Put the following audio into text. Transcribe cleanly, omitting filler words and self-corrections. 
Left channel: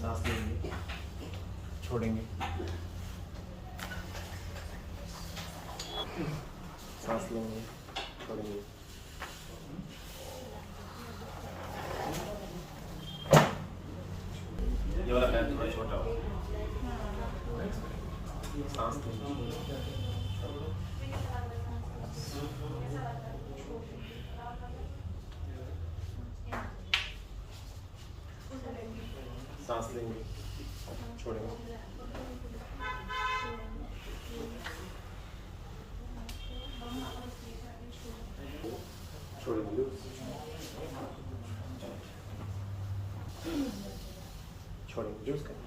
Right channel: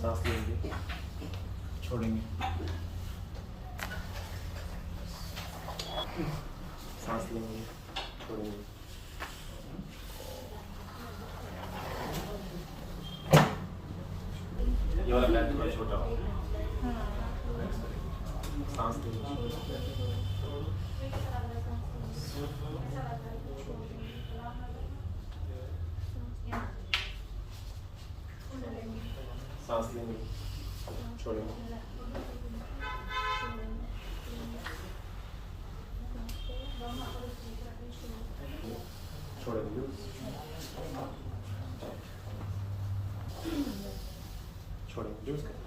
सांस लेंगे, छोड़ेंगे, सांस लेंगे, छोड़ेंगे। ये वाला लैब थोड़ा छोटा हो। सांस लेंगे, सांस लेंगे, छोड़ेंगे, छोड़ेंगे, छोड़ेंगे, यूज करें।